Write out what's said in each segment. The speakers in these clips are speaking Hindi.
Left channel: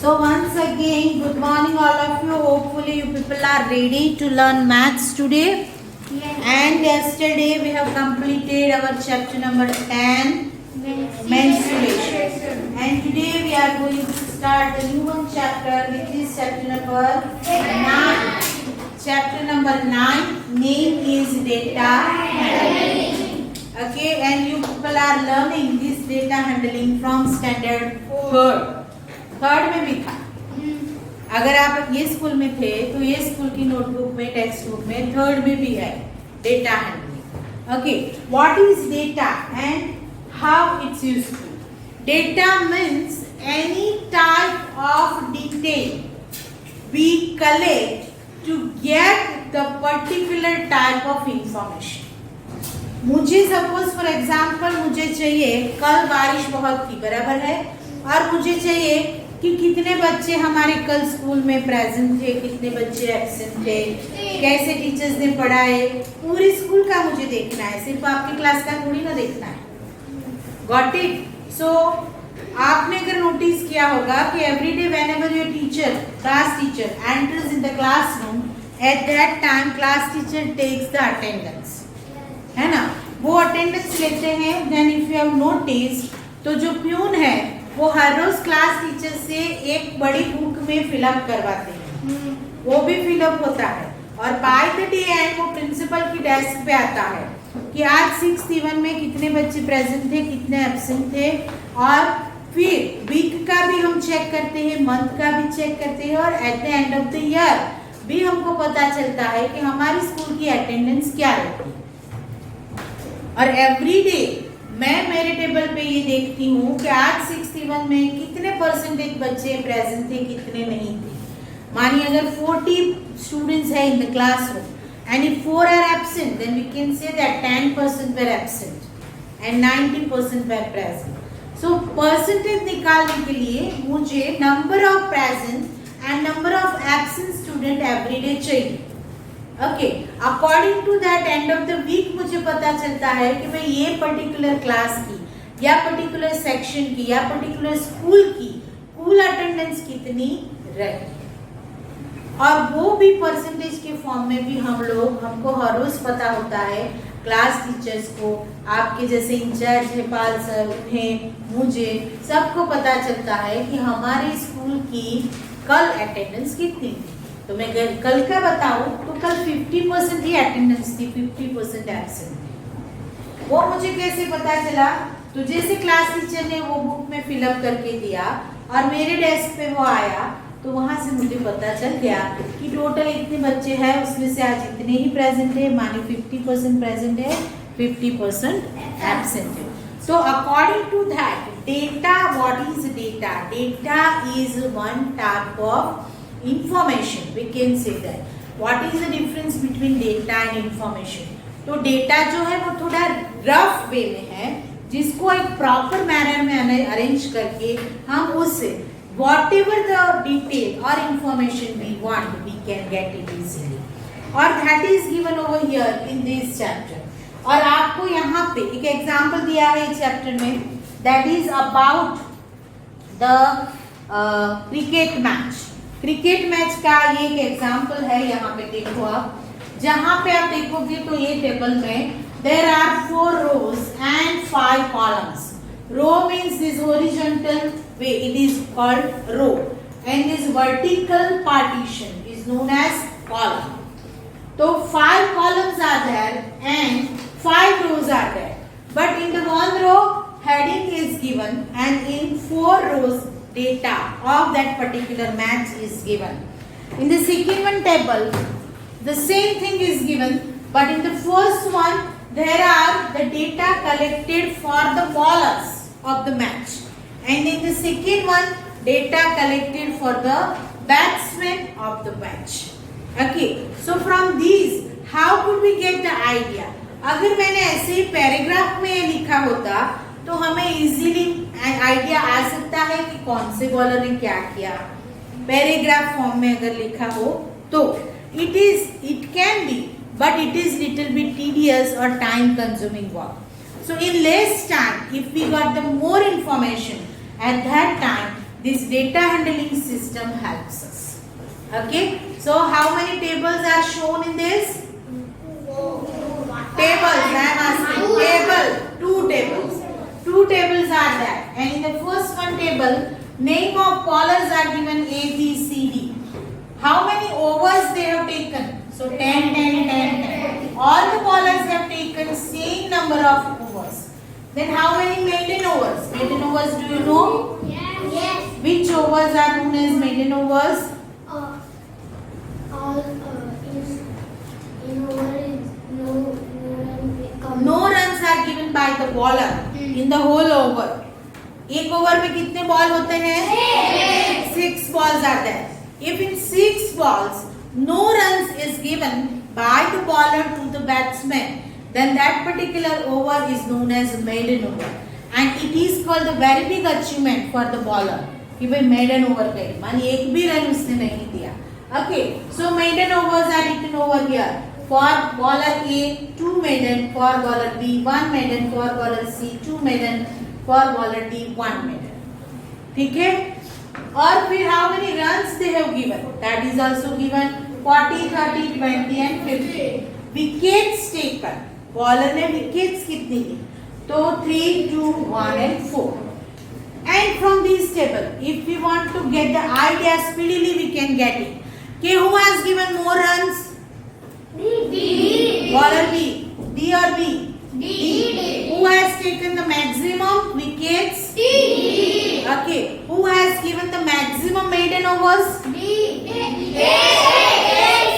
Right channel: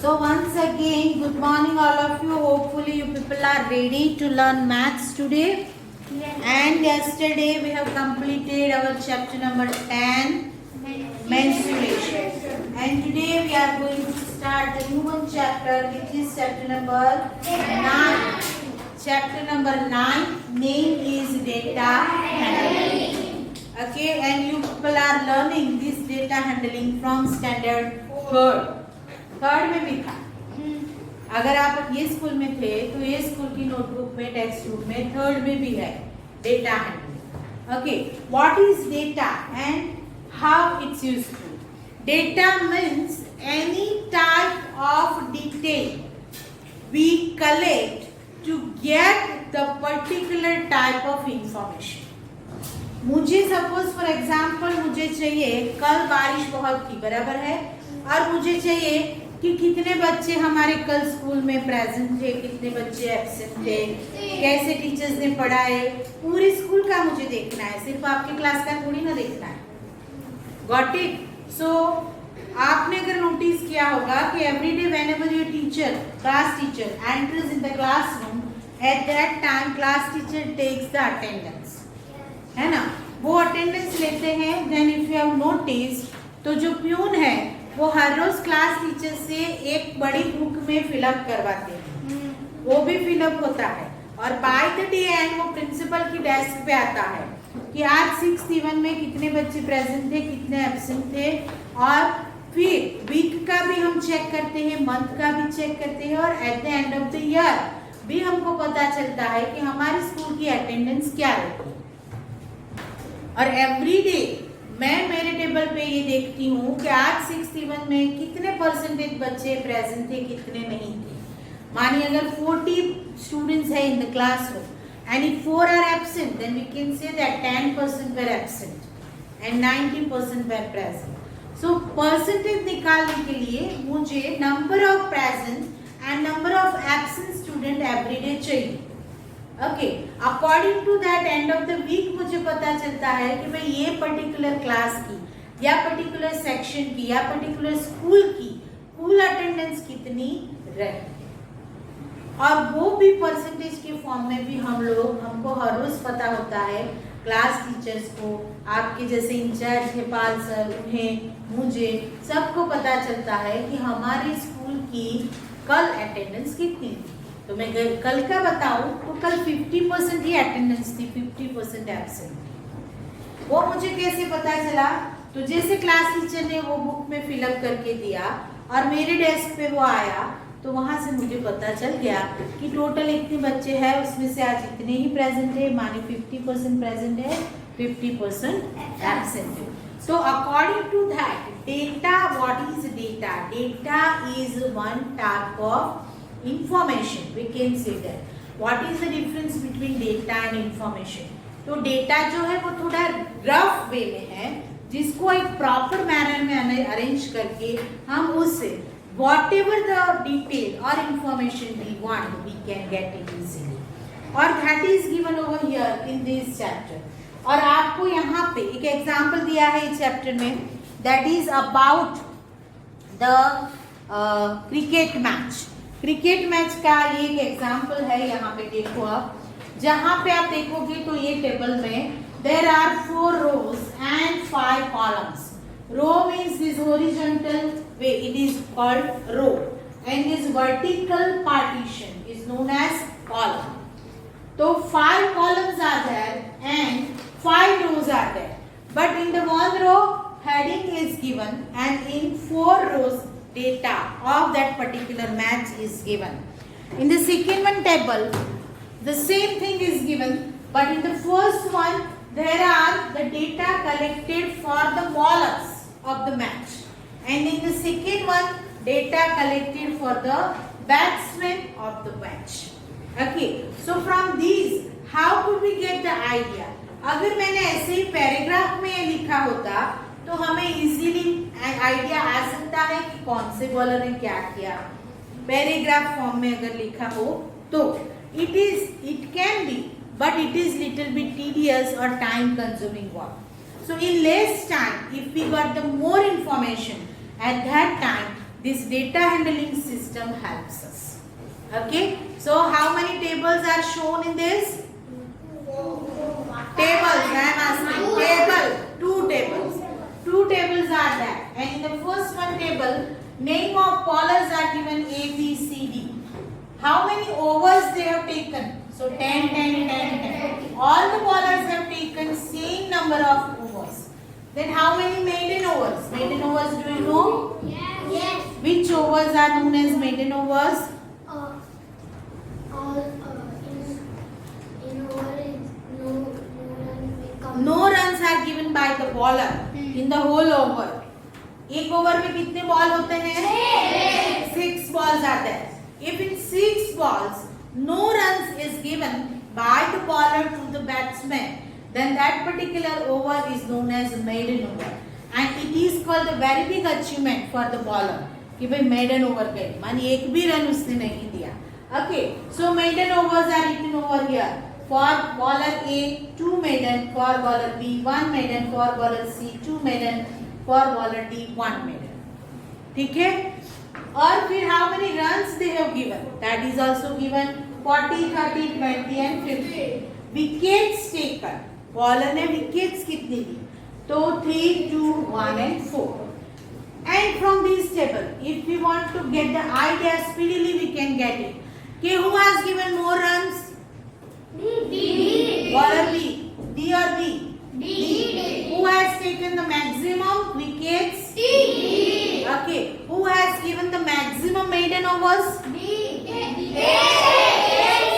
So once again, good morning all of you. Hopefully you people are ready to learn maths today. Yes. And yesterday we have completed our chapter number 10, menstruation. And today we are going to start a new one chapter, which is chapter number 9. Chapter number 9, name is data handling. Okay, and you people are learning this data handling from standard 3rd. Third में भी था। अगर आप ये स्कूल में थे तो ये स्कूल की नोटबुक में, टेक्स्ट बुक में थर्ड में भी है data handling. Okay, what is data and how it's useful? Data means any type of detail we collect to get the particular type of information. मुझे सपोज फॉर एग्जाम्पल मुझे चाहिए, कल बारिश बहुत थी, बराबर है, और मुझे चाहिए कि कितने बच्चे हमारे कल स्कूल में प्रेजेंट थे, कितने बच्चे एब्सेंट थे, कैसे टीचर्स ने पढ़ाए, पूरे स्कूल का मुझे देखना है, सिर्फ आपकी क्लास का थोड़ी ना देखना है। Got it? सो आपने अगर नोटिस किया होगा कि every day whenever your teacher, class teacher enters in the classroom, at that time class teacher takes the attendance, है ना, वो अटेंडेंस लेते हैं। Then if you have notice, तो जो प्यून है वो हर रोज क्लास टीचर से एक बड़ी बुक में फिलअप करवाते हैं, वो भी फिलअप होता है, और बाय द डे एंड वो प्रिंसिपल की डेस्क पे आता है कि आज 6th इवन में कितने बच्चे प्रेजेंट थे, कितने एब्सेंट थे, और फिर वीक का भी हम चेक करते हैं, मंथ का भी चेक करते हैं, और at the end of the year भी हमको पता चलता है कि हमारी स्कूल की अटेंडेंस क्या रहती है। और एवरी डे मैं मेरे टेबल पे ये देखती हूँ कि आज 6th इवन में कितने परसेंटेज बच्चे प्रेजेंट थे, कितने नहीं थे। मानिए अगर 40 स्टूडेंट्स है in the classroom and if 4 are absent, then we can say that 10% were absent and 90% were present. So percentage निकालने के लिए मुझे number of present and number of absent student every day चाहिए। Okay, according to that end of the week मुझे पता चलता है कि भाई ये पर्टिकुलर क्लास की या पर्टिकुलर सेक्शन की या पर्टिकुलर स्कूल की कुल अटेंडेंस कितनी रही, और वो भी परसेंटेज के फॉर्म में भी हमको हर रोज पता होता है। क्लास टीचर्स को, आपके जैसे इंचार्ज है पाल सर, उन्हें, मुझे, सबको पता चलता है कि हमारे स्कूल की कल अटेंडेंस कितनी थी। तो मैं कल का बताऊं तो कल 50% ही अटेंडेंस थी, 50% एब्सेंट थी। वो मुझे कैसे पता चला? तो जैसे क्लास टीचर ने वो बुक में फिलअप करके दिया और मेरे डेस्क पे वो आया, तो वहां से मुझे पता चल गया कि टोटल इतने बच्चे हैं, उसमें से आज इतने ही प्रेजेंट है, माने 50% प्रेजेंट है, 50% एब्सेंट है। So according to that, data, what is data? Data is one type of information, we can say that. What is the difference between data and information? तो डेटा जो है वो थोड़ा रफ वे में है, जिसको एक प्रॉपर मैनर में अरेंज करके हम उससे whatever the detail or information we want, we can get it easily. और that is given over here in this chapter. और आपको यहाँ पे एक एग्जाम्पल दिया है इस चैप्टर में, that is about the cricket match. Cricket match का ये एक एग्जाम्पल है, यहाँ पे देखो आप, जहाँ पे आप देखोगे तो ये टेबल में there are 4 rows and 5 columns. Row means this horizontal way, it is called row, and this vertical partition is known as column. So 5 columns are there and 5 rows are there, but in the one row heading is given and in 4 rows data of that particular match is given. In the second one table, the same thing is given, but in the first one there are the data collected for the bowlers of the match, and in the second one data collected for the batsmen of the match. Okay, so from these how could we get the idea? अगर मैंने ऐसे ही पैराग्राफ में ये लिखा होता तो हमें इजीली आइडिया आ सकता है कि कौन से बॉलर ने क्या किया। पैराग्राफ फॉर्म में अगर लिखा हो तो it can be, but it is little bit tedious और time consuming work. So in less time, if we got the more information at that time, this data handling system helps us. Okay, so how many tables are shown in this? Tables, I am asking. Table, two tables. Two tables are there. And in the first one table, name of bowlers are given A, B, C, D. How many overs they have taken? So 10, 10, 10, 10. All the bowlers have taken same number of overs. Then how many maiden overs? Maiden overs, do you know? Yes. Which overs are known as maiden overs? All in over No runs are given by the bowler in the whole over. एक ओवर में कितने बॉल होते हैं? 6 balls are there. If in 6 balls no runs is given by the bowler to the batsman, then that particular over is known as maiden over, and it is called a very big achievement for the bowler. कि भाई maiden over गए, मानी एक भी रन उसने नहीं दिया. Okay, so maiden overs are written over here. For bowler A, 2 maiden. For bowler B, 1 maiden. For bowler C, 2 maiden. For bowler D, 1 maiden. ठीक है? और फिर how many runs they have given? That is also given. 40, 30, 20 and 50. Wickets taken. Bowler ने wickets कितनी ली? तो 3, 2, 1 and 4. And from this table, if we want to get the idea speedily, we can get it. Okay, who has given more runs? D. Bowler B. D or B? D. Who has taken the maximum wickets? D. Okay. Who has given the maximum maiden overs? D. A and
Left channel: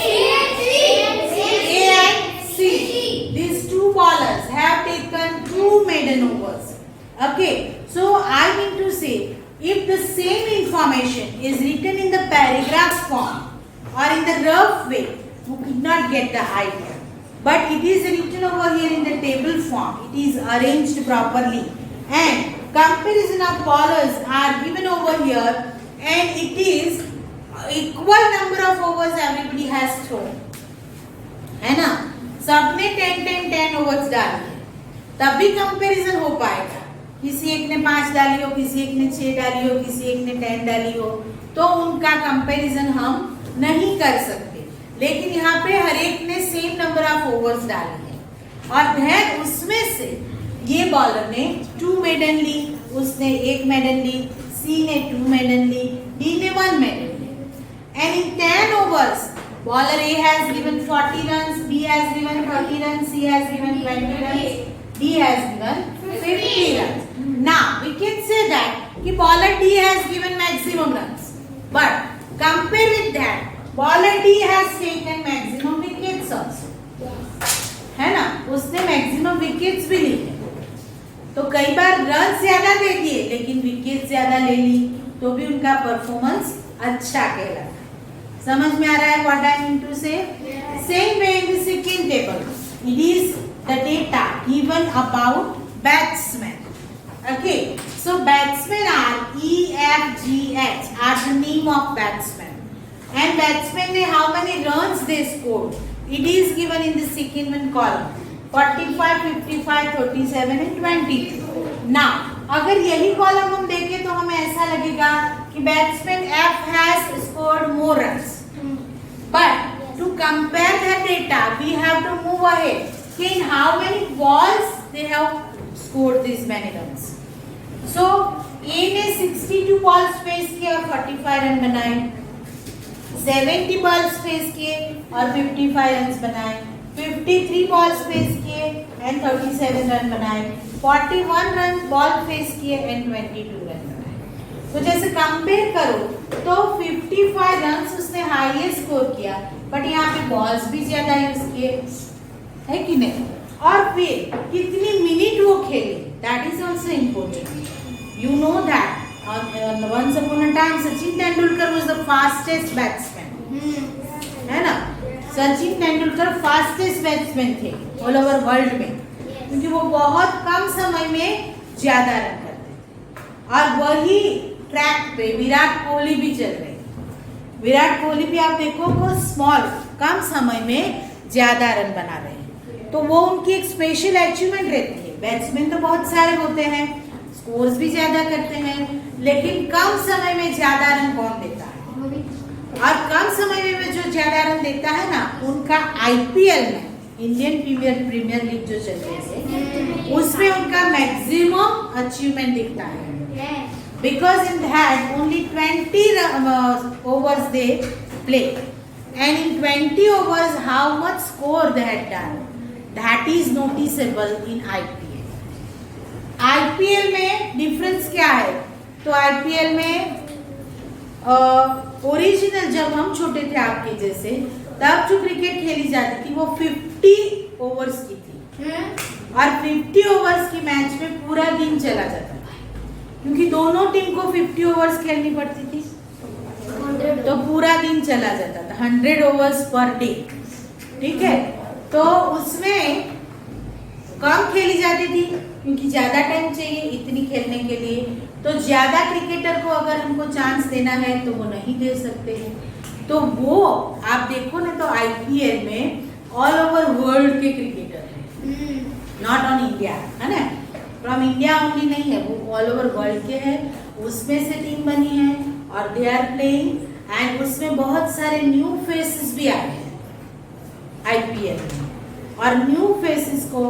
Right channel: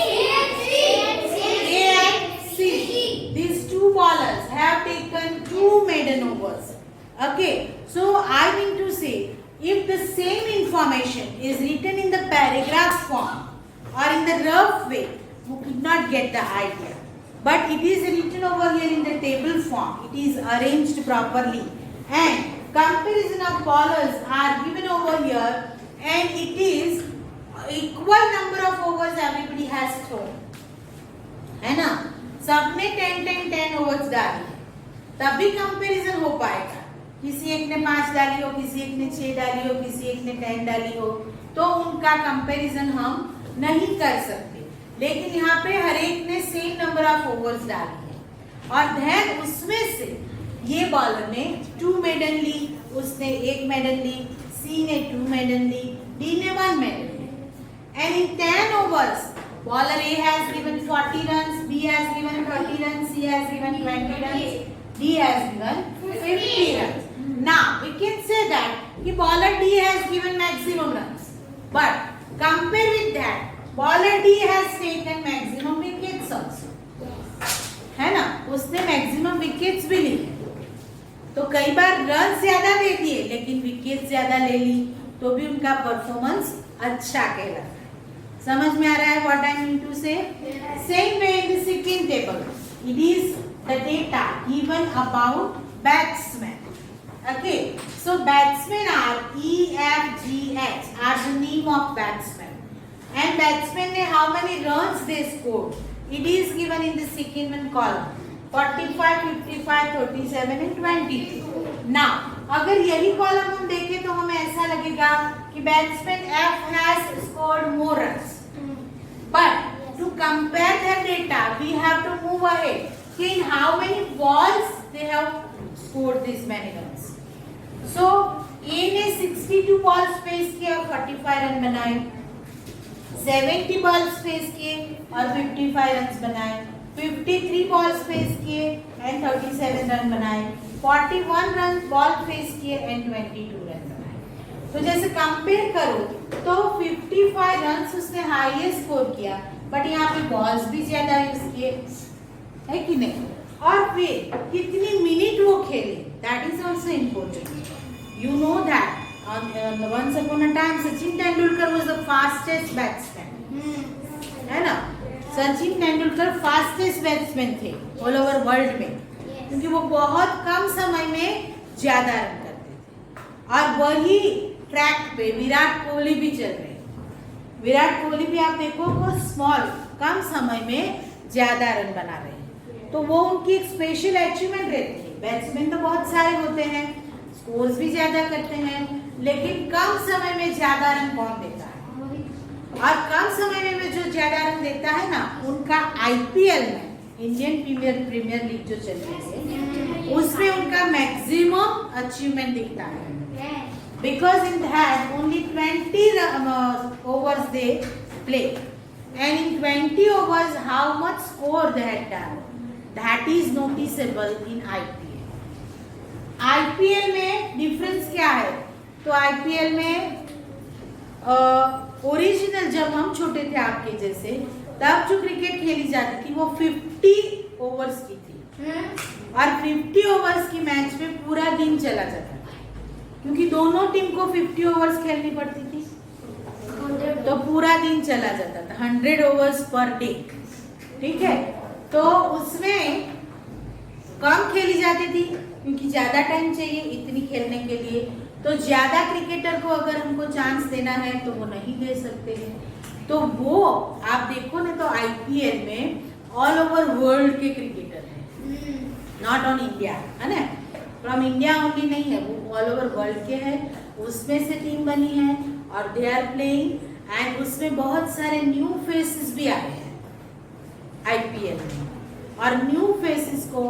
C. These two bowlers have taken 2 maiden overs. Okay. So I mean to say, if the same information is written in the paragraph form or in the rough way, you could not get the idea. But it is written over here in the table form. It is arranged properly. And comparison of bowlers are given over here, and it is equal number of overs everybody has thrown. है ना? सबने 10, 10, 10 overs डाली, तभी कंपैरिजन हो पाएगा. किसी एक ने 5 डाली हो, किसी एक ने 6 डाली हो, किसी एक ने 10 डाली हो, तो उनका कंपैरिजन हम नहीं कर सकते. लेकिन यहाँ पे हर एक ने सेम नंबर ऑफ ओवर्स डाली है, और then उसमें से ये बॉलर ने 2 मेडन ली, उसने 1 मेडन ली, सी ने 2 मेडन ली, डी ने 1 maiden Lee. And in 10 overs, bowler A has given 40 runs, B has given 30 runs, C has given 20 runs, D has given 50 runs. Now we can say that कि bowler D has given maximum runs, but compare with that, bowler D has taken maximum wickets also. है ना? उसने maximum wickets भी ली. तो कई बार रन ज्यादा दे दिए लेकिन विकेट ज्यादा ले ली, तो भी उनका परफॉर्मेंस अच्छा कहलाता. समझ में आ रहा है what I mean to say? Same way in the second table, it is the data given about batsmen. Okay, so batsmen are E, F, G, H are the name of batsmen, and batsmen ने how many runs they scored? It is given in the second one column. 45, 55, 37 and 22. Now, अगर यही कॉलम हम देखें तो हमें ऐसा लगेगा कि batsman F has scored more runs. But to compare the data, we have to move ahead. In how many balls they have scored these many runs. So A ने 62 balls फेस किए और 45 रन बनाए, 70 balls फेस किए और 55 रन बनाए, 53 balls फेस किए and 37 रन बनाए, 41 रन बॉल फेस किए and 22 रन बनाए. तो जैसे कंपेयर करो तो 55 रन उसने हाईएस्ट स्कोर किया, बट यहाँ पे बॉल्स भी ज्यादा यूज किए, है कि नहीं? और फिर कितनी मिनट वो खेले, that is also important. You know that once upon a time Sachin Tendulkar was the fastest batsman. है ना? सचिन तेंदुलकर फास्टेस्ट बैट्समैन थे ऑल ओवर वर्ल्ड में, क्योंकि वो बहुत कम समय में ज्यादा रन करते थे. और वही ट्रैक पे विराट कोहली भी चल रहे थे. विराट कोहली भी आप देखो वो स्मॉल कम समय में ज्यादा रन बना रहे हैं, तो वो उनकी एक स्पेशल अचीवमेंट रहती है. बैट्समैन तो बहुत सारे होते हैं, स्कोर्स भी ज्यादा करते हैं, लेकिन कम समय में ज्यादा रन कौन देता है? और कम समय में जो ज्यादा रन देता है ना, उनका आईपीएल में, इंडियन प्रीमियर लीग जो चल रही है, उसमें उनका मैक्सिमम अचीवमेंट दिखता है। Because in that only 20 overs they play, and in 20 overs how much score they had done, that is noticeable in IPL. IPL में डिफरेंस क्या है? तो IPL में ओरिजिनल जब हम छोटे थे आपके जैसे, तब जो क्रिकेट खेली जाती थी वो 50 ओवर्स की थी, और 50 ओवर्स की मैच में पूरा दिन चला जाता था, क्योंकि दोनों टीम को 50 ओवर्स खेलनी पड़ती थी, तो पूरा दिन चला जाता था, 100 ओवर्स पर डे। ठीक है, तो उसमें कम खेली जाती थी क्योंकि ज्यादा टाइम चाहिए इतनी खेलने के लिए, तो ज्यादा क्रिकेटर को अगर हमको चांस देना है तो वो नहीं दे सकते हैं। तो वो आप देखो ना, तो आईपीएल में ऑल ओवर वर्ल्ड के क्रिकेटर हैं, नॉट ऑन इंडिया, है ना, फ्रॉम इंडिया ओनली नहीं है, वो ऑल ओवर वर्ल्ड के हैं, उसमें से टीम बनी है और दे आर प्लेइंग, एंड उसमें बहुत सारे न्यू फेसेस भी आए हैं आईपीएल में, और न्यू फेसेस को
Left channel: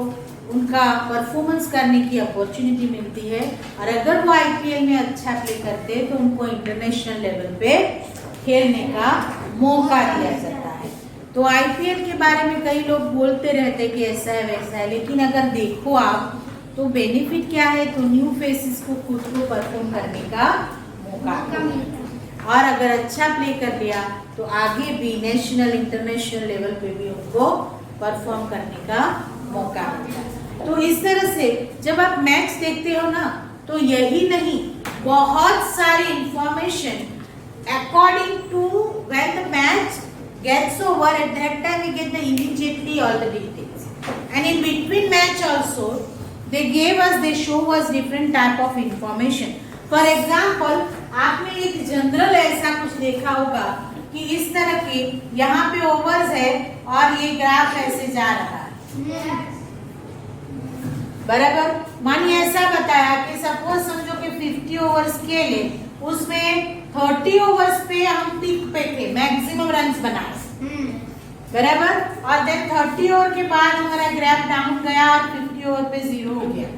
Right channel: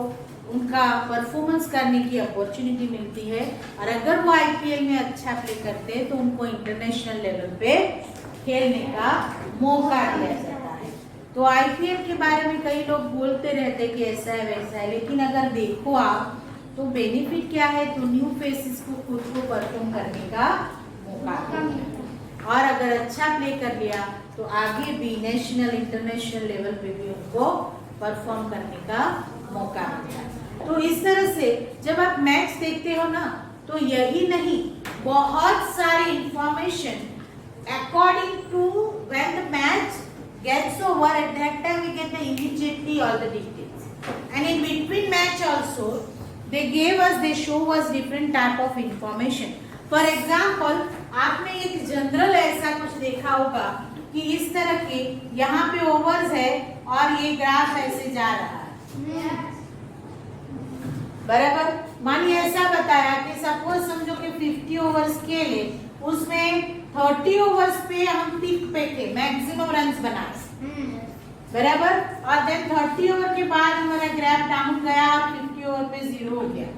उनका परफॉर्मेंस करने की अपॉर्चुनिटी मिलती है, और अगर वो आईपीएल में अच्छा प्ले करते हैं तो उनको इंटरनेशनल लेवल पे खेलने का मौका दिया जाता है। तो आईपीएल के बारे में कई लोग बोलते रहते कि ऐसा है वैसा है, लेकिन अगर देखो आप तो बेनिफिट क्या है, तो न्यू फेसेस को खुद को परफॉर्म करने का मौका मिलता है, और अगर अच्छा प्ले कर लिया तो आगे भी नेशनल इंटरनेशनल लेवल पे भी उनको परफॉर्म करने का मौका मिलता है। तो इस तरह से जब आप मैच देखते हो ना, तो यही नहीं, बहुत सारी information according to when the match gets over, at that time we get the immediately all the details, and in between match also they show us different type of information. For example, आपने एक जनरल ऐसा कुछ देखा होगा कि इस तरह के यहाँ पे ओवर्स है और ये ग्राफ ऐसे जा रहा है, बराबर। मानिए ऐसा बताया कि सपोज समझो कि 50 ओवर्स खेले, उसमें 30 ओवर्स पे हम पीक पे थे, मैक्सिमम रन्स बनाए, बराबर, और देन 30 ओवर के बाद हमारा ग्राफ डाउन गया और 50 ओवर पे 0 हो गया,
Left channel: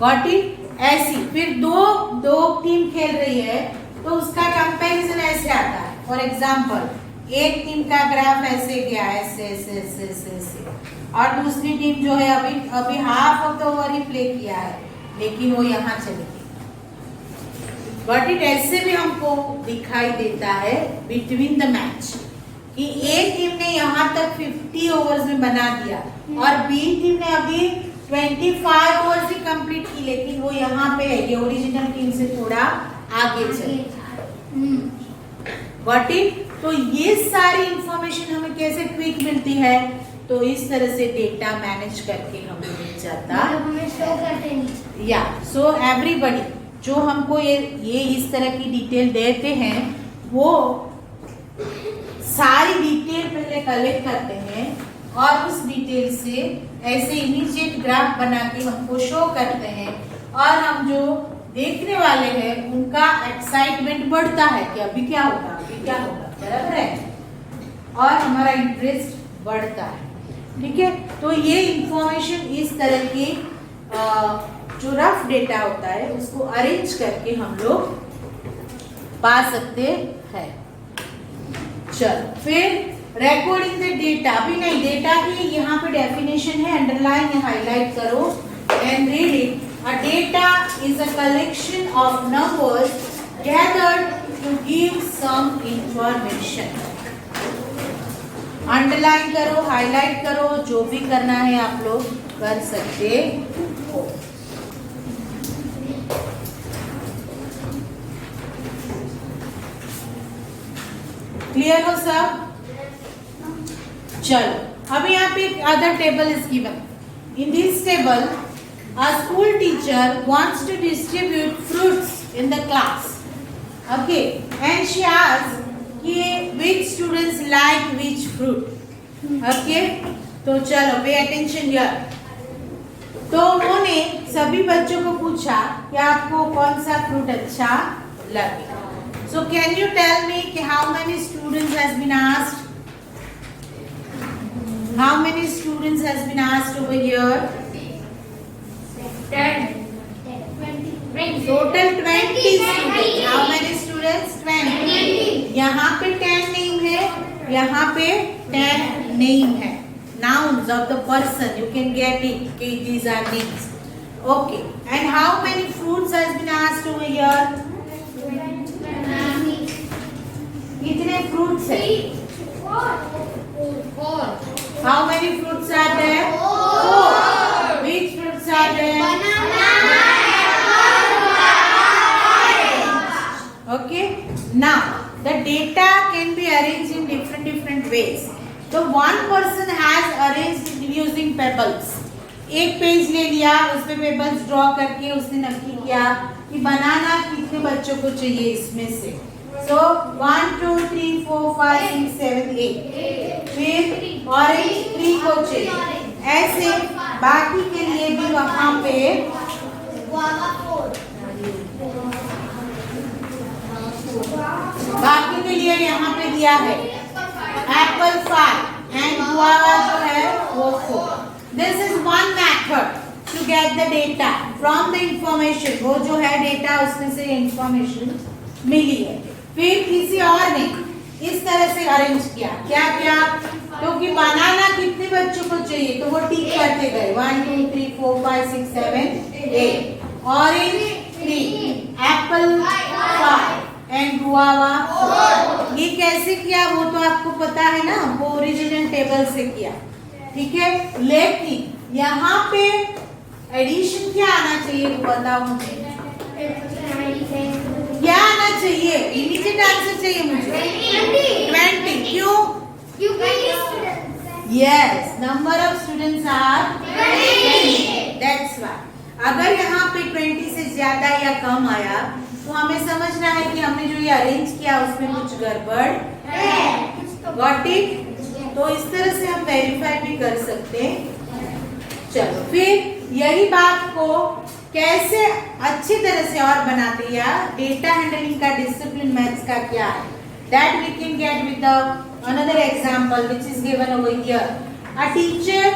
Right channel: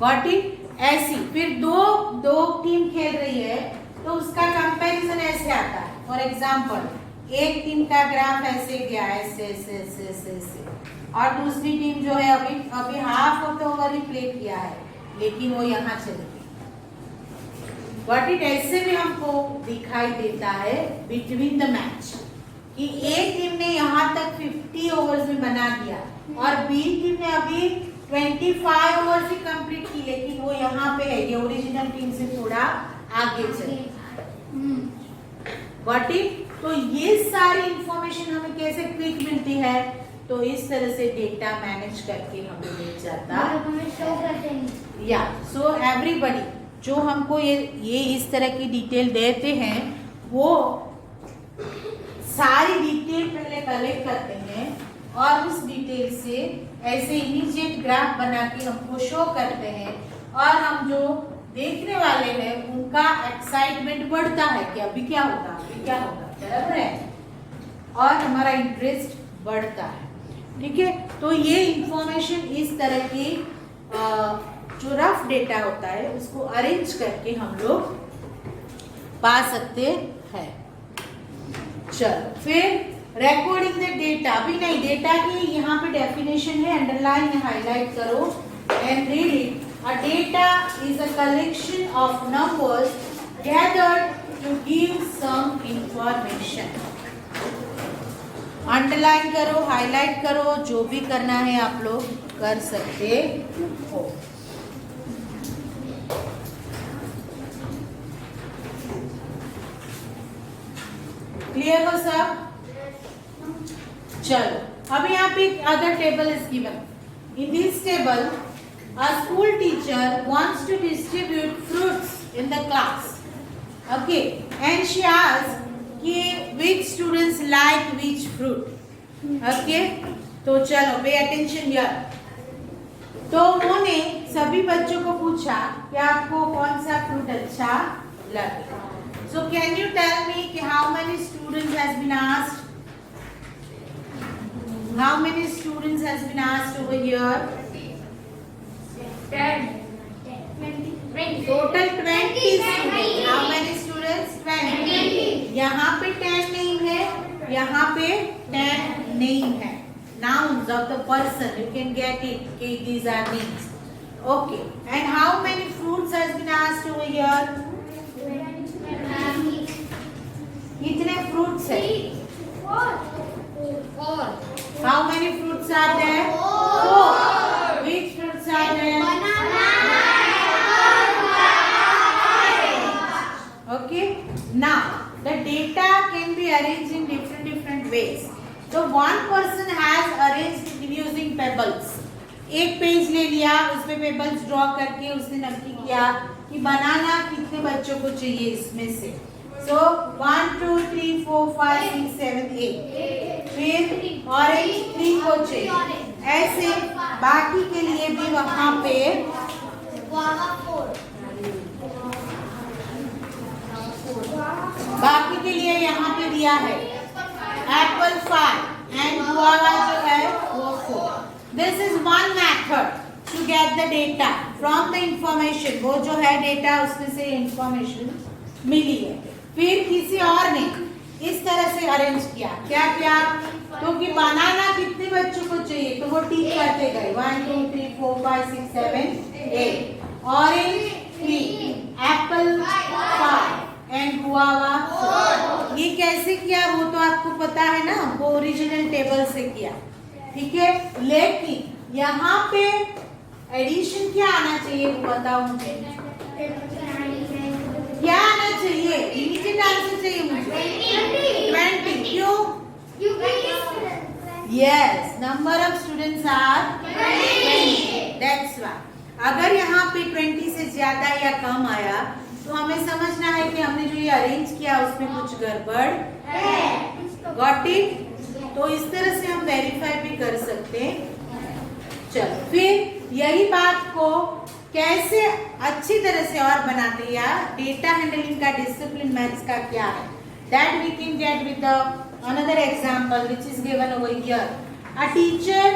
गॉट इट। ऐसी फिर दो टीम खेल रही है तो उसका कंपैरिजन ऐसे आता है। फॉर एग्जांपल एक टीम का ग्राफ ऐसे गया, ऐसे ऐसे ऐसे ऐसे ऐसे, और दूसरी टीम जो है अभी half of the over he play किया है, लेकिन वो यहाँ चली गई, बट इट ऐसे भी हमको दिखाई देता है बिटवीन द मैच कि एक टीम ने यहाँ तक 50 ओवर्स में बना दिया और बी टीम ने अभी 25 ओवर्स ही कंप्लीट की, लेकिन वो यहाँ पे है, ये ओरिजिनल टीम से थोड़ा आगे चली, बट इट। तो ये सारी इंफॉर्मेशन हमें कैसे क्विक मिलती है, तो इस तरह से डेटा मैनेज करके हमें मिल जाता है। या सो एवरीबडी जो हमको ये इस तरह की डिटेल देते हैं, वो सारी डिटेल पहले कलेक्ट करते हैं और उस डिटेल से ऐसे इमीडिएट ग्राफ बना के हमको शो करते हैं, और हम जो देखने वाले हैं उनका एक्साइटमेंट बढ़ता है कि अभी क्या होगा, अभी क्या होगा, बराबर है, और हमारा इंटरेस्ट बढ़ता है। ठीक है, तो ये इंफॉर्मेशन इस तरह की जो रफ डेटा होता है उसको अरेंज करके हम लोग पा सकते हैं। चलो फिर रिकॉर्डिंग द डेटा, अभी नहीं, डेटा की यहाँ पे डेफिनेशन है, अंडरलाइन या हाईलाइट करो and read it. A data is a collection of numbers gathered to give some information. Underline करो, हाईलाइट करो, जो भी करना है आप लोग कर सकते हो। क्लियर हो सब? चलो अभी यहाँ पे other table is given. In this table a school teacher wants to distribute fruits in the class, okay, and she asks कि which students like which fruit, okay, तो चलो pay attention here। तो उन्होंने सभी बच्चों को पूछा कि आपको कौन सा फ्रूट अच्छा लगे. So can you tell me कि how many students has been asked? How many students has been asked over here? 10. Total 20 students. How many students? 20. यहाँ पे 10 नहीं है, यहाँ पे 10 नहीं है. Nouns of the person, you can get it. Okay, these are names. Okay. And how many fruits has been asked over here? कितने fruits है? 4. How many fruits are there? 4. Which fruits are there? Okay. Now the data can be arranged in different ways. So one person has arranged using pebbles. एक पेज ले लिया, उसपे पेबल्स ड्रॉ करके उसने नक्की किया कि बनाना कितने बच्चों को चाहिए इसमें से. So 1 2 3 4 5 6 7 8. फिर ऑरेंज 3 को चाहिए. ऐसे बाकी के लिए भी वहाँ पे बाकी के लिए यहाँ पे दिया है एप्पल 5 एंड गुआवा जो है वो 4. This is one method to get the data from the information. वो जो है डेटा उसमें से इंफॉर्मेशन मिली है. फिर किसी और ने इस तरह से अरेंज किया. क्या किया? तो कि बनाना कितने बच्चों को चाहिए तो वो टिक करते गए. 1 2 3 4 5 6 7 8. Orange 3, Apple 5 and guava 4. ये कैसे किया वो तो आपको पता है ना, वो ओरिजिनल टेबल से किया. ठीक है, लेकिन यहाँ पे एडिशन क्या आना चाहिए वो बताओ मुझे. क्या आना चाहिए? इमीडिएट आंसर चाहिए मुझे. 20. क्यों? Yes, number of students are 20. That's why. अगर यहाँ पे 20 से ज्यादा या कम आया तो हमें समझना है कि हमने जो ये अरेंज किया उसमें कुछ गड़बड़ है. Got it? तो इस तरह से हम वेरीफाई भी कर सकते हैं. चलो फिर यही बात को कैसे अच्छी तरह से और बनाते या डेटा हैंडलिंग का डिसिप्लिन मैथ्स का क्या है, that we can get with another example which is given over here. A teacher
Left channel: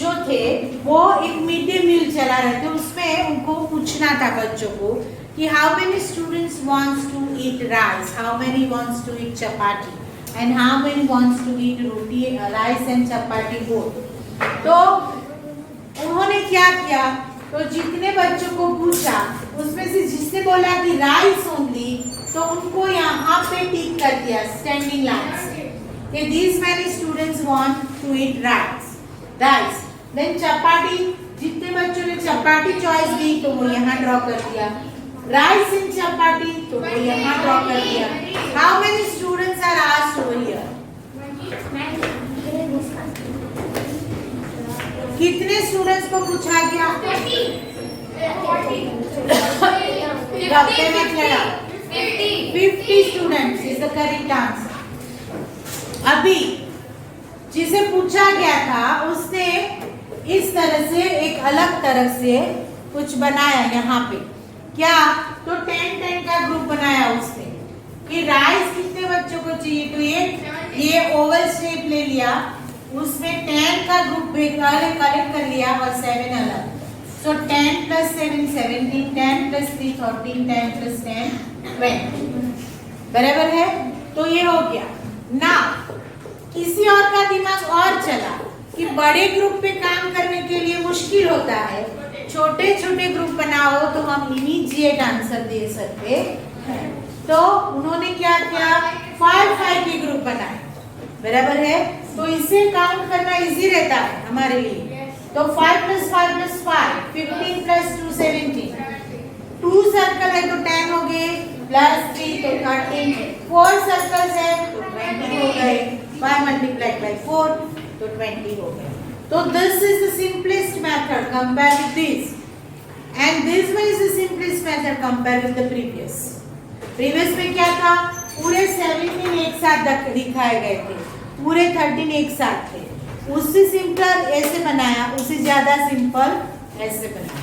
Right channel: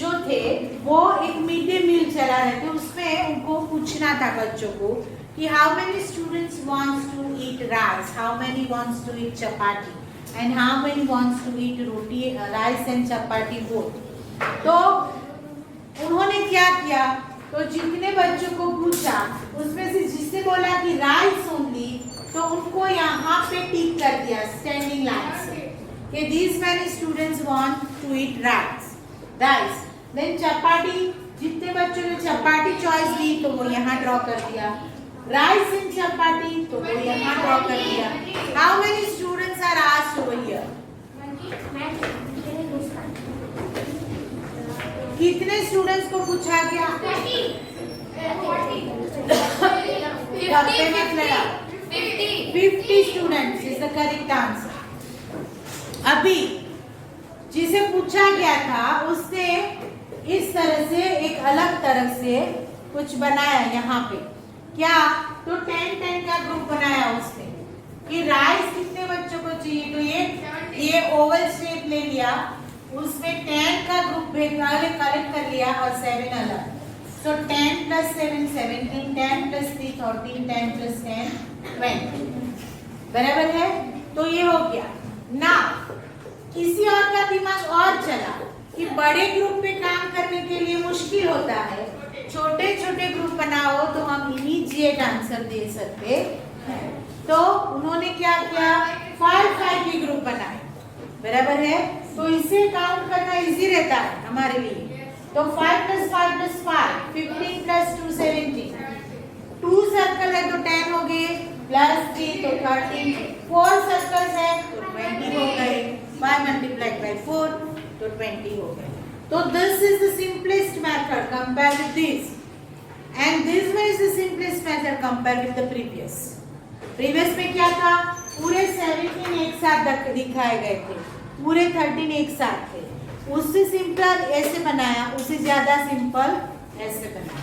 जो थे वो एक मिड डे मील चला रहे थे. उसमें उनको पूछना था बच्चों को कि how many students wants to eat rice, how many wants to eat chapati and how many wants to eat roti, rice and chapati both. तो उन्होंने क्या किया, तो जितने बच्चों को पूछा उसमें से जिसने बोला कि राइस ओनली तो उनको यहाँ पे टिक कर दिया स्टैंडिंग लाइन से. These many students want to eat rice. Then chapati, जितने बच्चों ने चपाटी चॉइस दी तो वो यहाँ ड्रॉ कर दिया. राइस एंड चपाटी तो वो यहाँ ड्रॉ कर दिया. How many students are asked over here? कितने स्टूडेंट्स को पूछा गया? 50 students is the correct answer. अभी जिसे पूछा गया था उसने इस तरह से एक अलग तरह से कुछ बनाया. यहाँ पे क्या, तो 10 का ग्रुप बनाया उसने कि राइस कितने बच्चों को चाहिए. तो ये ओवल शेप ले लिया, उसमें 10 का ग्रुप कलेक्ट कर लिया और 7 अलग. सो 10 + 7 17, 10 + 3 13, 10 + 10 20. बराबर है. तो ये हो गया ना. किसी और का दिमाग और चला कि बड़े ग्रुप पे काम करने के लिए मुश्किल होता है, छोटे छोटे ग्रुप बनाओ तो हम इमीडिएट आंसर दे सकते हैं. तो उन्होंने क्या किया, 5 के ग्रुप बनाए. बराबर है. तो इसे काउंट करना इजी रहता है हमारे लिए. तो 5 + 5 + 5 15 + 2 17. 2 सर्कल है तो 10 हो गए, +3 तो 13. 4 सर्कल्स है तो 20 हो गए. 5 × 4 तो 20 हो गए. तो this is the simplest method compare with this, and this one is the simplest method compare with the previous. Previous में क्या था, पूरे 17 एक साथ दिखाए गए थे, पूरे 13 एक साथ थे. उससे सिंपल ऐसे बनाया, उससे ज्यादा सिंपल ऐसे बनाए।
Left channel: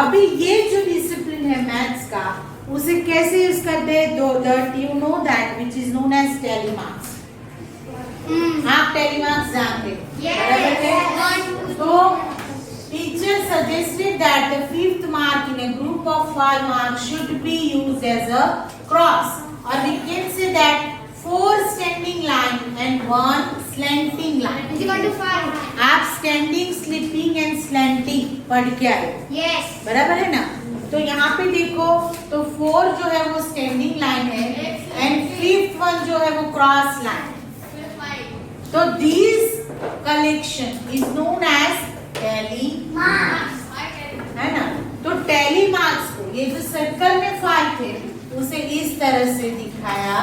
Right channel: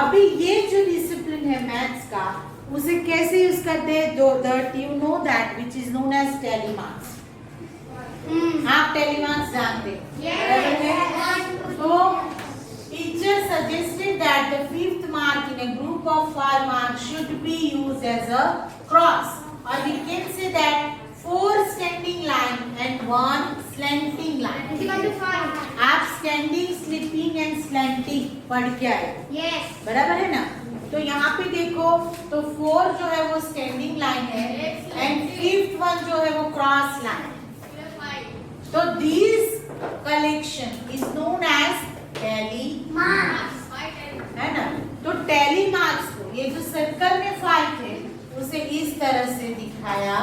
अभी ये जो डिसिप्लिन है मैथ्स का, उसे कैसे यूज करते हैं? You know that which is known as tally marks. आप टैली मार्क्स जानते हैं, बराबर है? तो teacher suggested that the fifth mark in a group of 5 marks should be used as a cross, or we can say that 4 standing line and 1 slanting line. आप standing, slipping and slanting पढ़ के आए, Yes. बराबर है ना? तो यहाँ पे देखो, तो 4 जो है वो standing line है and fifth one जो है वो cross line. So this collection is known as tally marks, है ना? तो टैली मार्क्स को ये जो सर्कल में 5 थे उसे इस तरह से दिखाया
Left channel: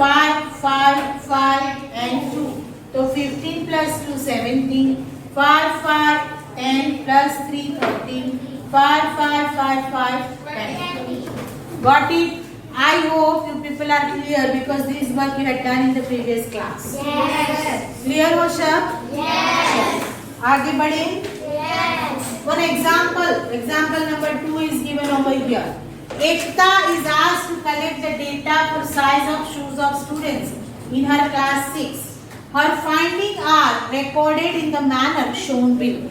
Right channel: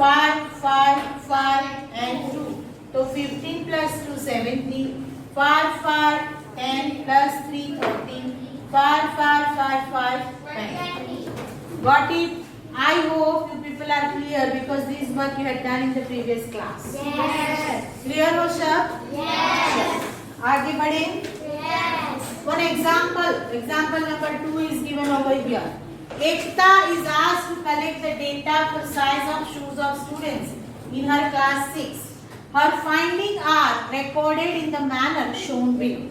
5, 5, 5 and 2, तो 15 plus 2 17, 5, 5, 10 plus 3 13, 5, 5, 5, 5 10. Got it? I hope you people are clear because this work you had done in the previous class. Yes. Clear हो सब? Yes. आगे बढ़े। Yes. One example number 2 is given over here. Ekta is asked to collect the data for size of shoes of students in her class 6. Her findings are recorded in the manner shown below.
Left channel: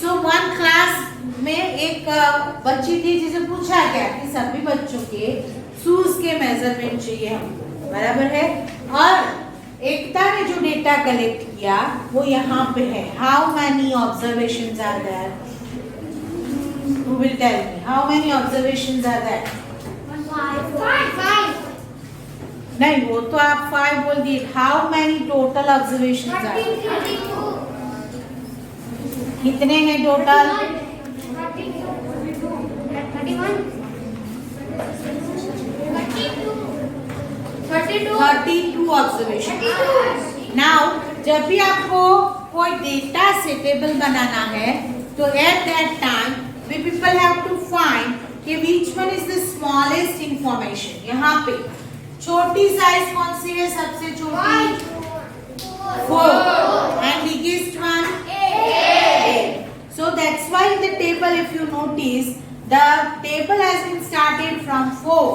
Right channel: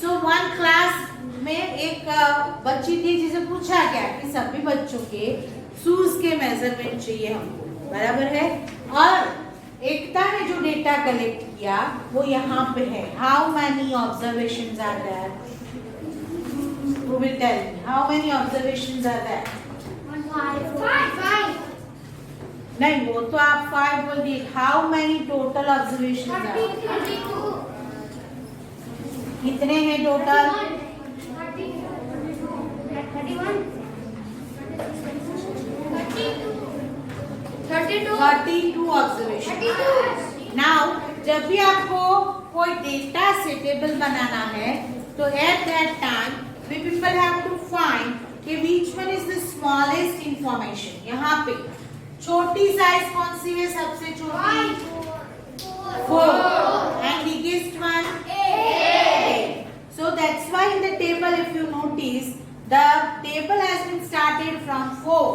So one class में एक बच्ची थी जिसे पूछा गया कि सभी बच्चों के शूज के मेजरमेंट चाहिए हमको, बराबर है? और एकता ने जो डेटा कलेक्ट किया वो यहाँ पे है। How many observations are there? Who will tell me how many observations are there? 5. नहीं, वो तो आप 5 बोल दिए। How many total observations are? 32. कितने हैं टोटल? 32 ऑब्जर्वेशन। नाउ जब भी आपको कोई डेटा से टेबल बनाना है तो at that time we people have to find कि which one is the smallest information. यहाँ पे छोटी साइज कौन सी है? सबसे छोटी 4 and biggest one 8. So that's why in the table if you notice the table has been started from 4,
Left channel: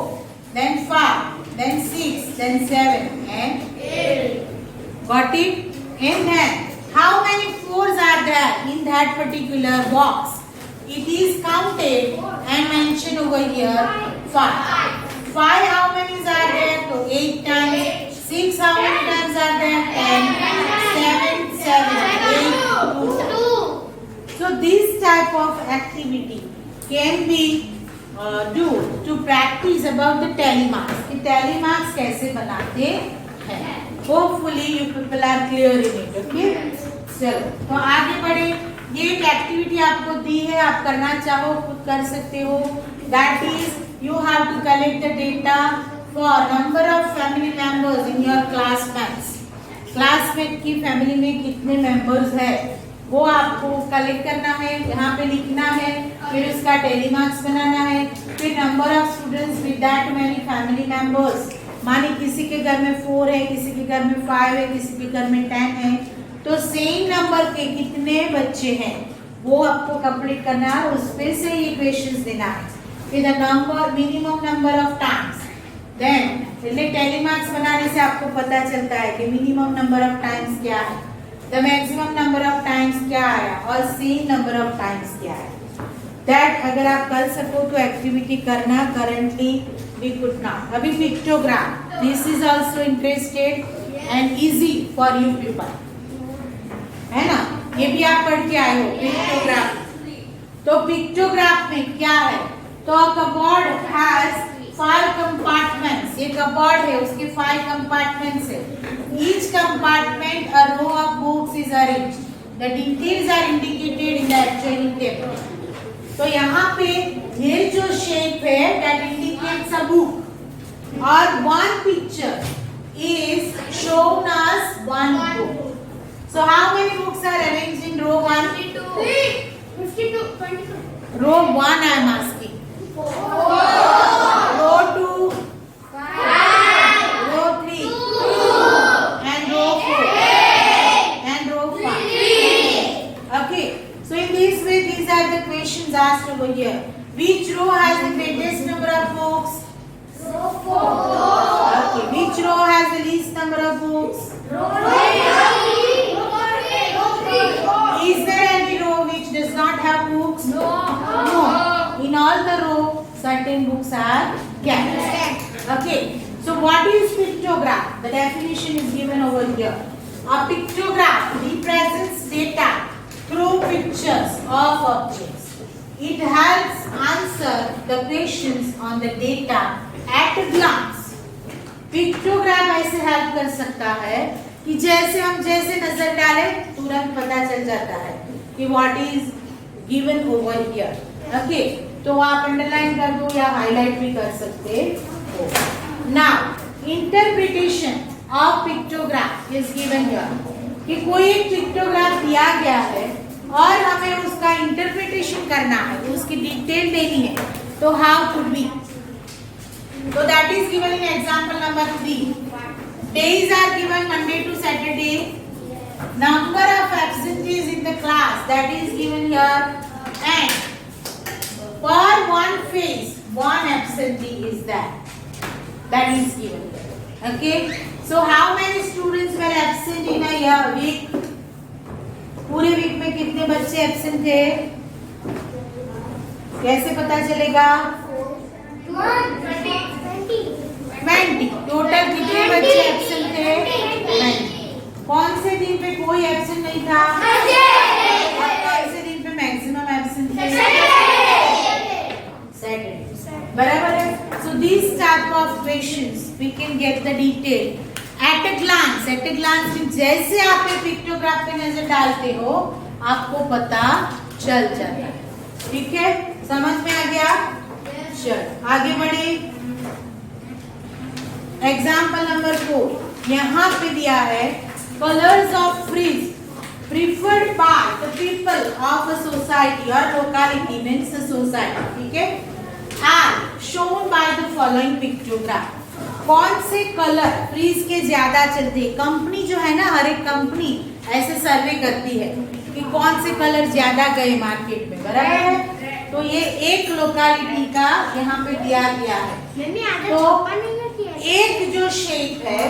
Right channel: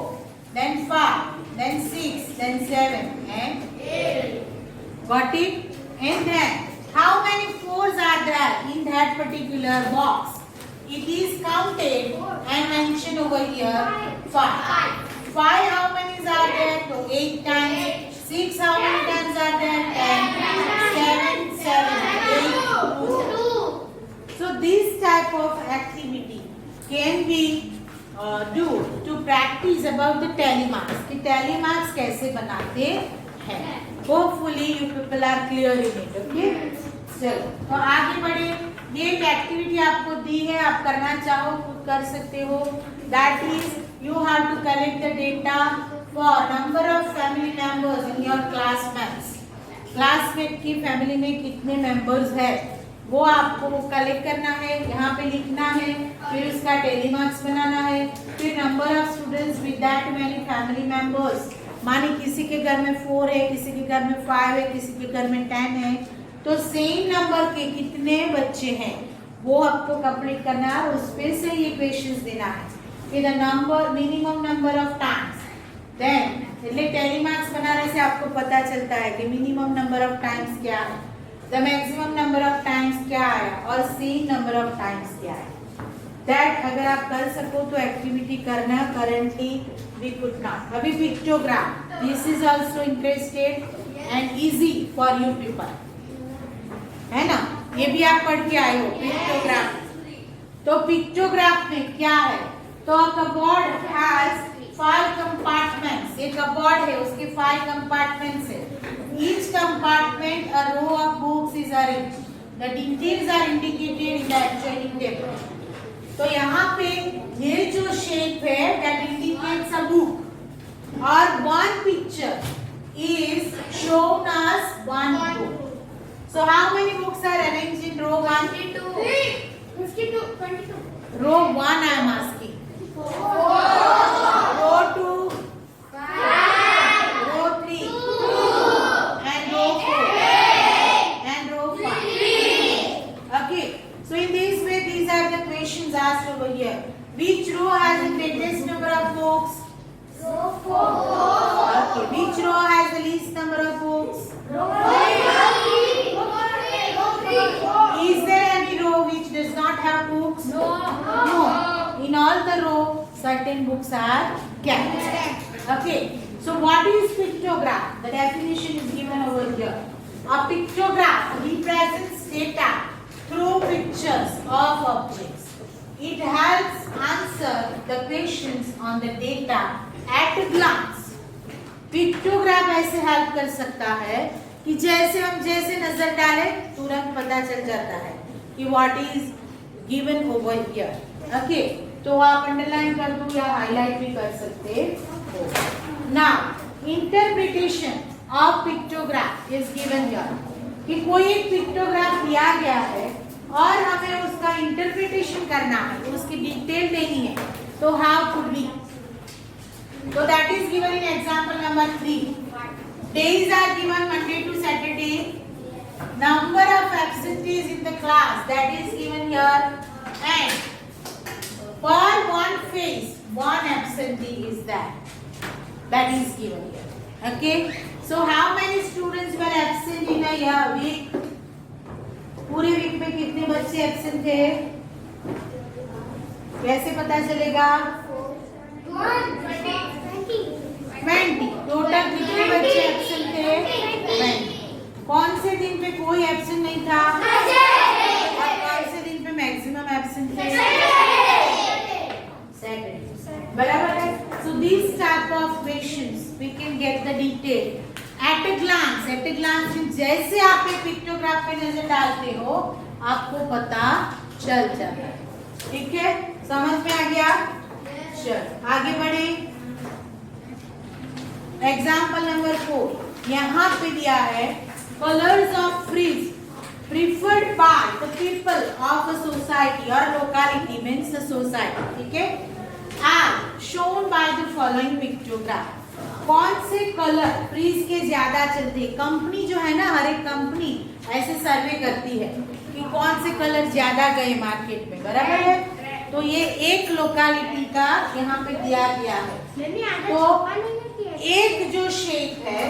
then 5, then 6, then 7 and 8. Got it? And then how many 4s are there in that particular box? It is counted and mentioned over here 5. 5 how many are there? So 8 times. 6 how many times are there? 10. 7, 7, 8, 2. So this type of activity can be do to practice about the tally marks. कि tally marks कैसे बनाते हैं? Hopefully you people are clear in it. Okay? चलो तो आगे बढ़े। ये एक एक्टिविटी आपको दी है, आप करना चाहो खुद कर सकते हो। That is you have to collect the data for number of family members in your classmates. Classmate की फैमिली में कितने मेंबर्स है वो आपको कलेक्ट करना है, यहाँ पे लिखना है, फिर उसका टैली मार्क्स बनाना है। फिर number of students with that many family members, माने किसी के घर में 4 है, किसी के घर में 5 है, किसी के घर में 10 है, तो सेम नंबर के कितने बच्चे हैं वो आपको कंप्लीट करना है। उस पे से ये क्वेश्चंस देना है। फिर the number minimum number of times, then tally marks बनाने से आपको पता चलता है कि मिनिमम नंबर ऑफ टाइम्स क्या है, the maximum number of times क्या आया और सेम नंबर ऑफ टाइम्स क्या है। दैट अगर आप कर सको तो एक्टिविटी करना। Currently we could not. अभी pictogram, this is also interested and easy for you people, है ना? ये भी आप पढ़ के आए हो पिक्टोग्राफ। तो पिक्टोग्राफ में क्या है? तो कबोर्ड हैज 5 कंपार्टमेंट्स। ये कबोर्ड है, उसके 5 कंपार्टमेंट्स है। Each compartment a row of books is arranged. The details are indicated in the actual table. तो यहाँ पे ये जो शेप है that indicates a book or one picture is shown as one book. So how many books are arranged in row 1? 52. 22. Row 1 I am asking. Row 2, 5. row 3, 2. and row 4, and row 5. Okay. So in this way, these are the questions asked over here. Which row has the greatest number of books? Okay. Which row has the least number of books? Is there any row which does not have books? No. In all the row, certain books are kept. Okay. So what is pictograph? The definition is given over here. A pictograph represents data through pictures of objects. It helps answer the questions on the data at a glance. Pictograph ऐसे हेल्प कर सकता है कि जैसे हम जैसे नजर डालें तुरंत पता चल जाता है कि what is given over here. Okay, तो आप अंडरलाइन कर दो या हाईलाइट भी कर सकते हो. Now, interpretation of pictograph is given here. कि कोई एक पिक्टोग्राफ दिया गया है और हमें उसका इंटरप्रिटेशन करना है, तो उसकी डिटेल देनी है, तो how could be? So that is given in example number 3. Days are given Monday to Saturday. Number of absentees in the class, that is given here, and per one phase, one absentee is there. That is given here. Okay. So how many students were absent in a week? पूरे वीक में कितने बच्चे एब्सेंट थे? कैसे पता चलेगा? 20. टोटल कितने बच्चे एब्सेंट थे? 20. कौन से दिन पे कोई एब्सेंट नहीं था? और कौन से दिन पे मैक्सिमम एब्सेंट थे? Saturday. बराबर है. So these type of questions we can get the detail at a glance. At a glance means जैसे आप एक पिक्टोग्राफ पे नजर डालते हो आपको पता चल जाता है. ठीक है, समझ में आ गया? चलो आगे बढ़े. एग्जाम्पल नंबर 4 यहाँ पे दिया है colours of fridge preferred by the people of a society और लोकालिटी मीन्स सोसाइटी. ठीक है, are shown by the following pictograph. कौन से कलर फ्रीज के ज्यादा चलते हैं? कंपनी जो है ना, हर एक कंपनी ऐसे सर्वे करती है कि कौन से कलर ज्यादा गए मार्केट में. बराबर है. तो ये एक लोकालिटी का यहाँ पे दिया गया है. तो एक जो शेप है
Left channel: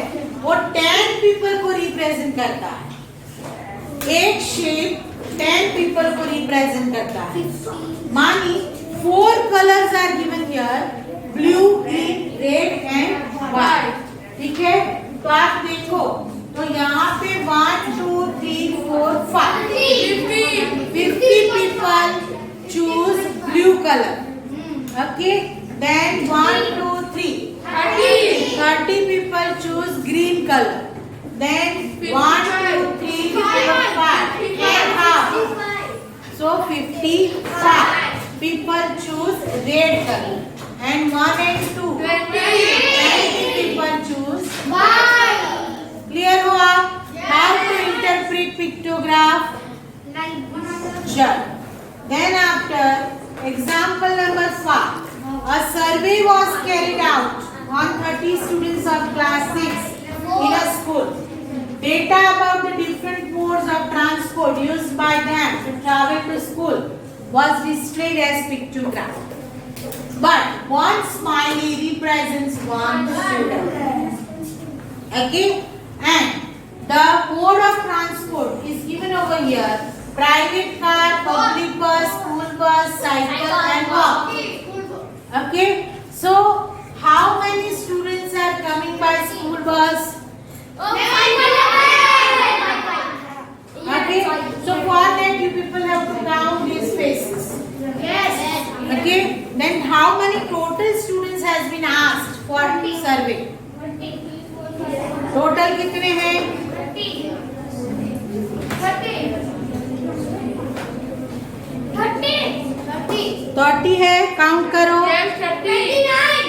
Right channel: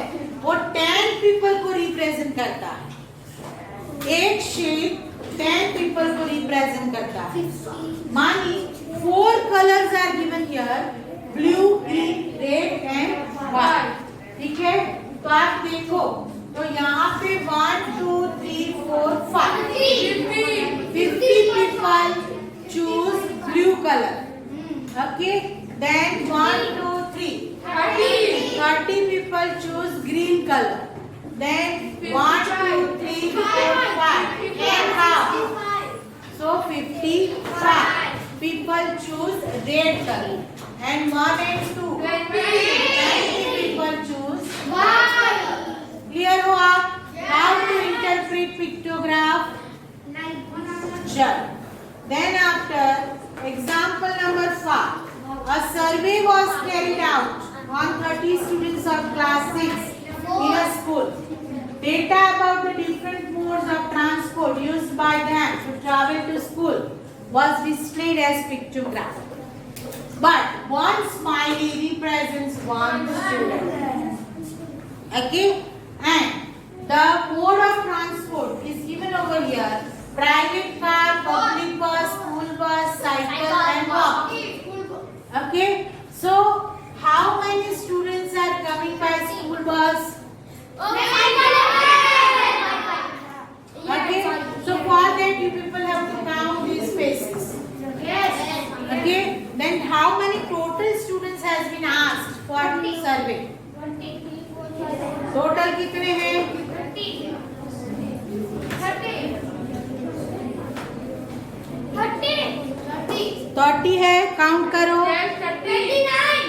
वो 10 पीपल को रिप्रेजेंट करता है. एक शेप 10 पीपल को रिप्रेजेंट करता है. मानी 4 colors are given here, blue, green, red and white. ठीक है, तो आप देखो तो यहाँ पे 1, 2, 3, 4, 5 50 people choose blue color. Okay, then 1, 2, 3 30 people choose green color. Then 1, 2, 3, 4, 5 and half. So 55 people choose red color. And 1 and 2 20 people choose white. Clear हो आप? How to interpret pictograph? Sure. Then after example number 5, a survey was carried out on 30 students of class 6 in a school. Data about the different modes of transport used by them to travel to school was displayed as pictograph. But one smiley represents one student. Okay, and the mode of transport is given over here: private car, public bus, school bus, cycle, and walk. Okay, so how many students are coming by school bus? Okay, so for that you people have to count these faces. Yes. Okay, then how many total students has been asked for the survey? Total कितने हैं? 30 है, काउंट करो. 39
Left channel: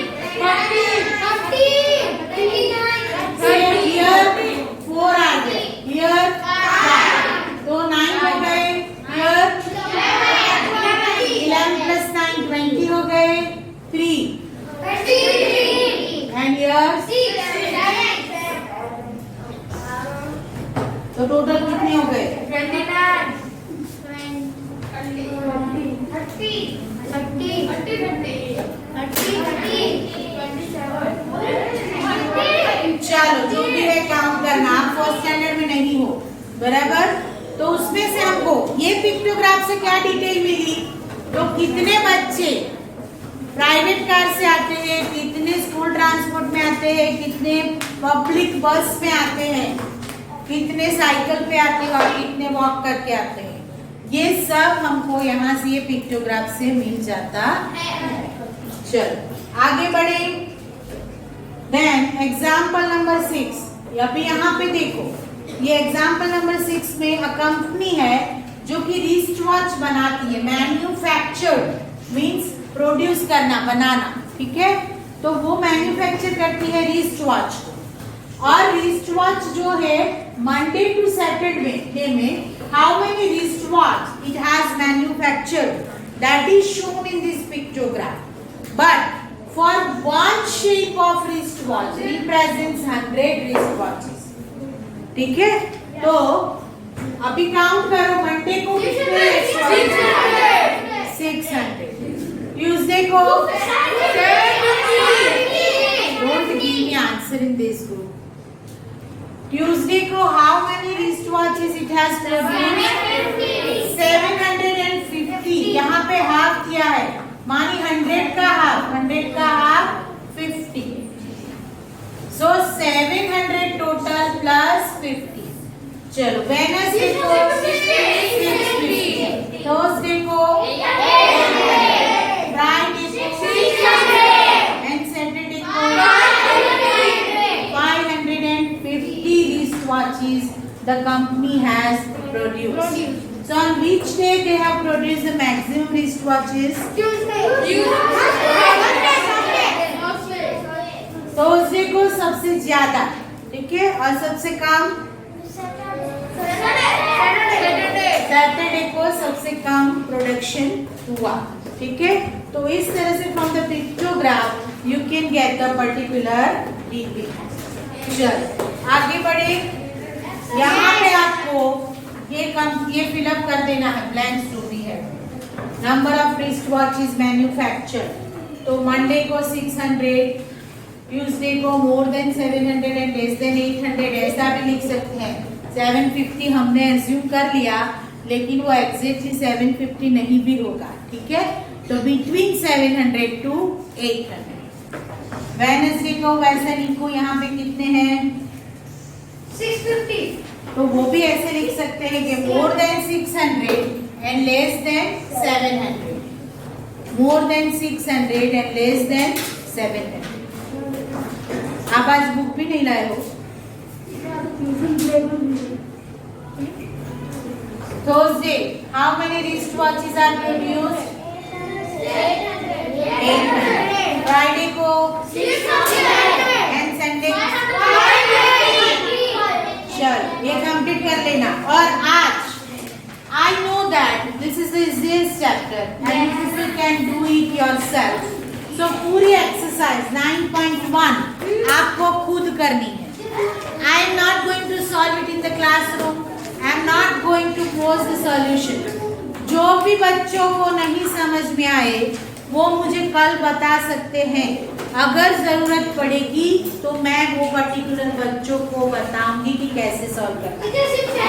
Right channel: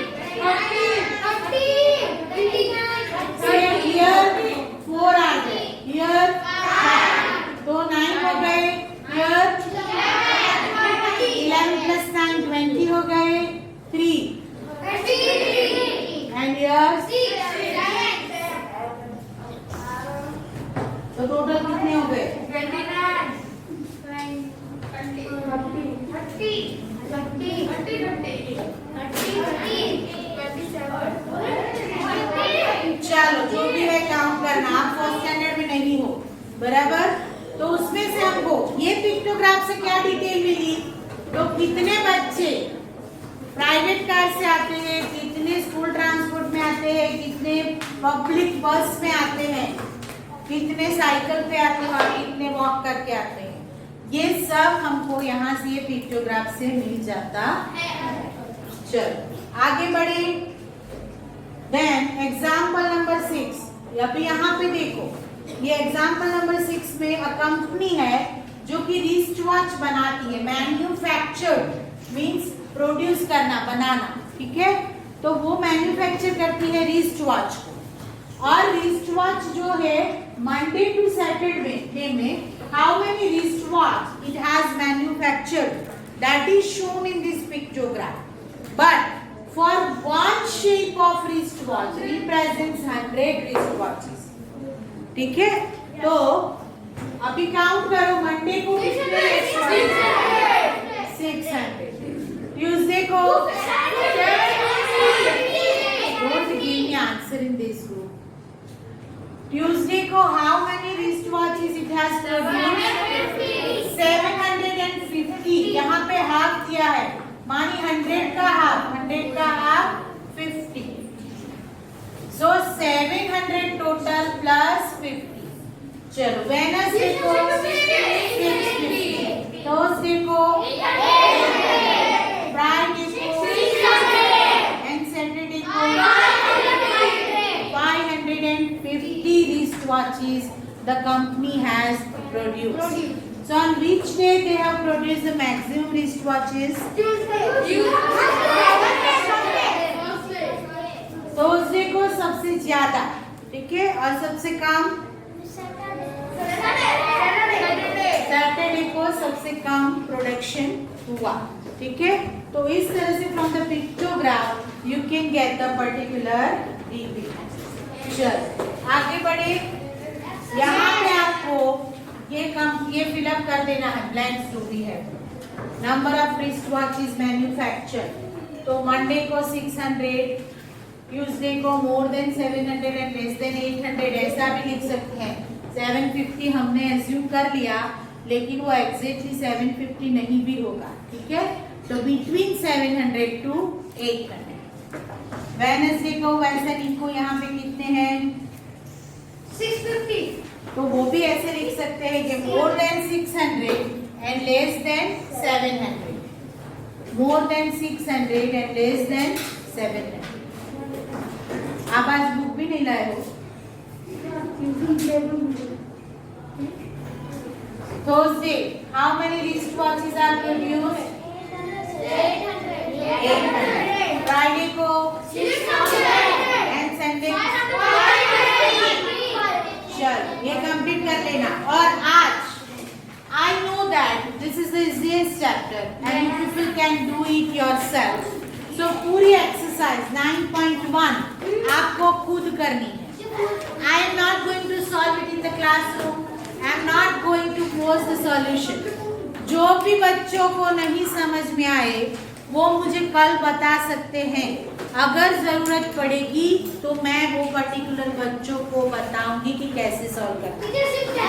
Here 4 आ गए, here 5, तो 9 हो गए. Here 11 plus 9 20 हो गए. 3 and here तो टोटल कितने हो गए? बराबर। तो उसमें से हमको ये पिक्टोग्राफ से क्या डिटेल मिली, तो कितने बच्चे प्राइवेट कार से आते हैं, कितने स्कूल ट्रांसपोर्ट में आते हैं, कितने पब्लिक बस में आते हैं, कितने साइकिल पे आते हैं और कितने वॉक करके आते हैं, ये सब हमको यहाँ से ये पिक्टोग्राफ से मिल जाता है। चलो आगे बढ़े। देन एग्जाम्पल नंबर 6, अभी यहाँ पे देखो, ये एग्जाम्पल नंबर 6 में अ कंपनी है जो कि रिस्ट वॉच बनाती है। मैन्युफैक्चर्ड मीन्स प्रोड्यूस करना, बनाना, ठीक है। तो वो मैन्युफैक्चर करती है रिस्ट वॉच को, और रिस्ट वॉच जो है मंडे टू सैटरडे में how many wrist watch it has manufactured, that is shown in this pictograph, but for one shape of wrist watch represents 100 wrist watches, ठीक है। तो अभी काउंट करो, मंडे को कितने 600, ट्यूसडे को don't give me answer in this group. Tuesday को how many wrist watches it has produced 750, यहाँ पे हाफ किया है, मानी 100 का हाफ 50, सो 700 टोटल प्लस 50। चलो वेडनेसडे को 650, थर्सडे को फ्राइडे को एंड सैटरडे को 550 wrist watches the company has produced. So on which day they have produced the maximum wristwatches? Thursday को सबसे ज्यादा, ठीक है, और सबसे कम सैटरडे को सबसे कम प्रोडक्शन हुआ, ठीक है। तो इस तरह से from the pictograph you can get the particular detail. चलो आगे बढ़े। यहाँ पे आपको ये फिलअप कर देना है, ब्लैंक्स जो भी है। Number of wrist watch is manufactured, तो मंडे को 600, ट्यूसडे को more than 700 and less then 800, ऐसा भी लिख सकते हैं। 750 हमने एज्यूम कर लिया, लेकिन वो एग्जैक्टली 750 नहीं भी होगा, ठीक है। तो बिटवीन 700 टू 800। वेडनेसडे को वैसे लिखो, यहाँ पे कितने हैं 650, तो वो भी ऐसे लिख सकते हैं कि more than 600 and less than 700, more than 600 and less than 700। आप आज बुक भी नहीं लाए हो। Thursday how many wrist watches are produced 800, Friday को 600 एंड संडे चलो ये कंप्लीट कर लेना। और आज I know that this is the easiest chapter and if you can do it yourself, so पूरी एक्सरसाइज 9.1 आपको खुद करनी है। I am not going to solve it in the classroom, I am not going to post the solution. जो भी बच्चों को नहीं समझ में आए वो मुझे कल बता सकते हैं, अगर जरूरत पड़ेगी तो मैं वो पर्टिकुलर बच्चों को बताऊंगी कि कैसे सॉल्व करना।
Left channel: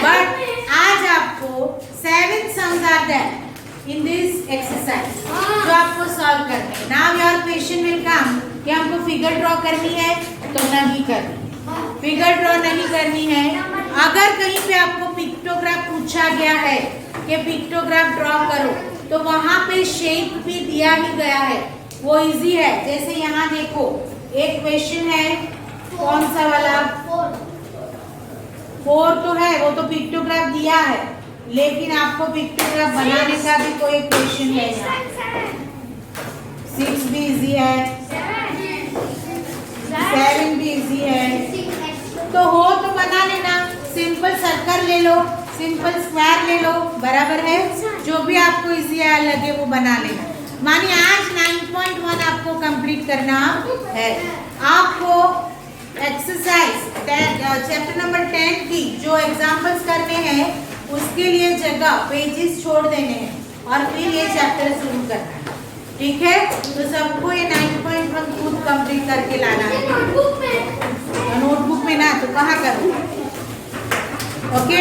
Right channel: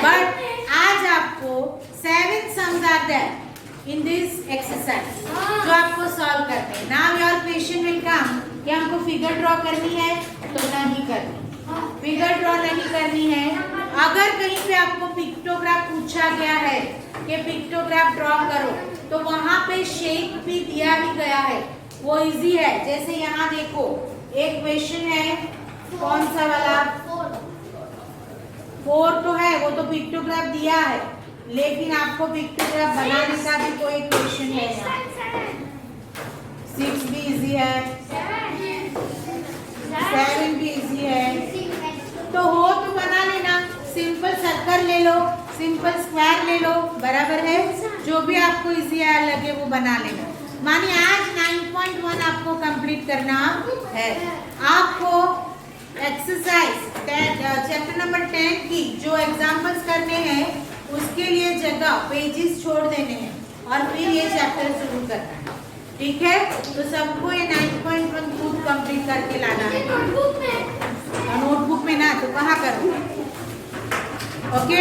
बट आज आपको 7 sums are there in this exercise जो आपको सॉल्व करना है। Now your question will come कि हमको फिगर ड्रॉ करनी है तो नहीं करनी, फिगर ड्रॉ नहीं करनी है। अगर कहीं पे आपको पिक्टोग्राफ पूछा गया है कि पिक्टोग्राफ ड्रॉ करो, तो वहां पे शेप भी दिया ही गया है, वो इजी है। जैसे यहाँ देखो एक क्वेश्चन है, कौन सा वाला 4 तो है, वो तो पिक्टोग्राफ दिया है, लेकिन आपको पिक्टोग्राफ बनाने का भी कोई क्वेश्चन है। 6 भी इजी है, 7 भी इजी है। तो हो तो बना लेना, सिंपल सर्कल ले लो, सिंपल स्क्वायर ले लो, बराबर है। जो भी आपको इजी लगे वो बना लेना। मानिए आज 9.1 आपको कंप्लीट करना है। आपको एक्सरसाइज चैप्टर नंबर 10 की जो एग्जाम्पल्स करने हैं उसके लिए जगह पेजेस छोड़ देने हैं और फिर ये चैप्टर शुरू करना है, ठीक है। तो सबको ये 9.1 खुद कंप्लीट करके लाना है। नोटबुक में ना तो कहाँ करूँ, ओके।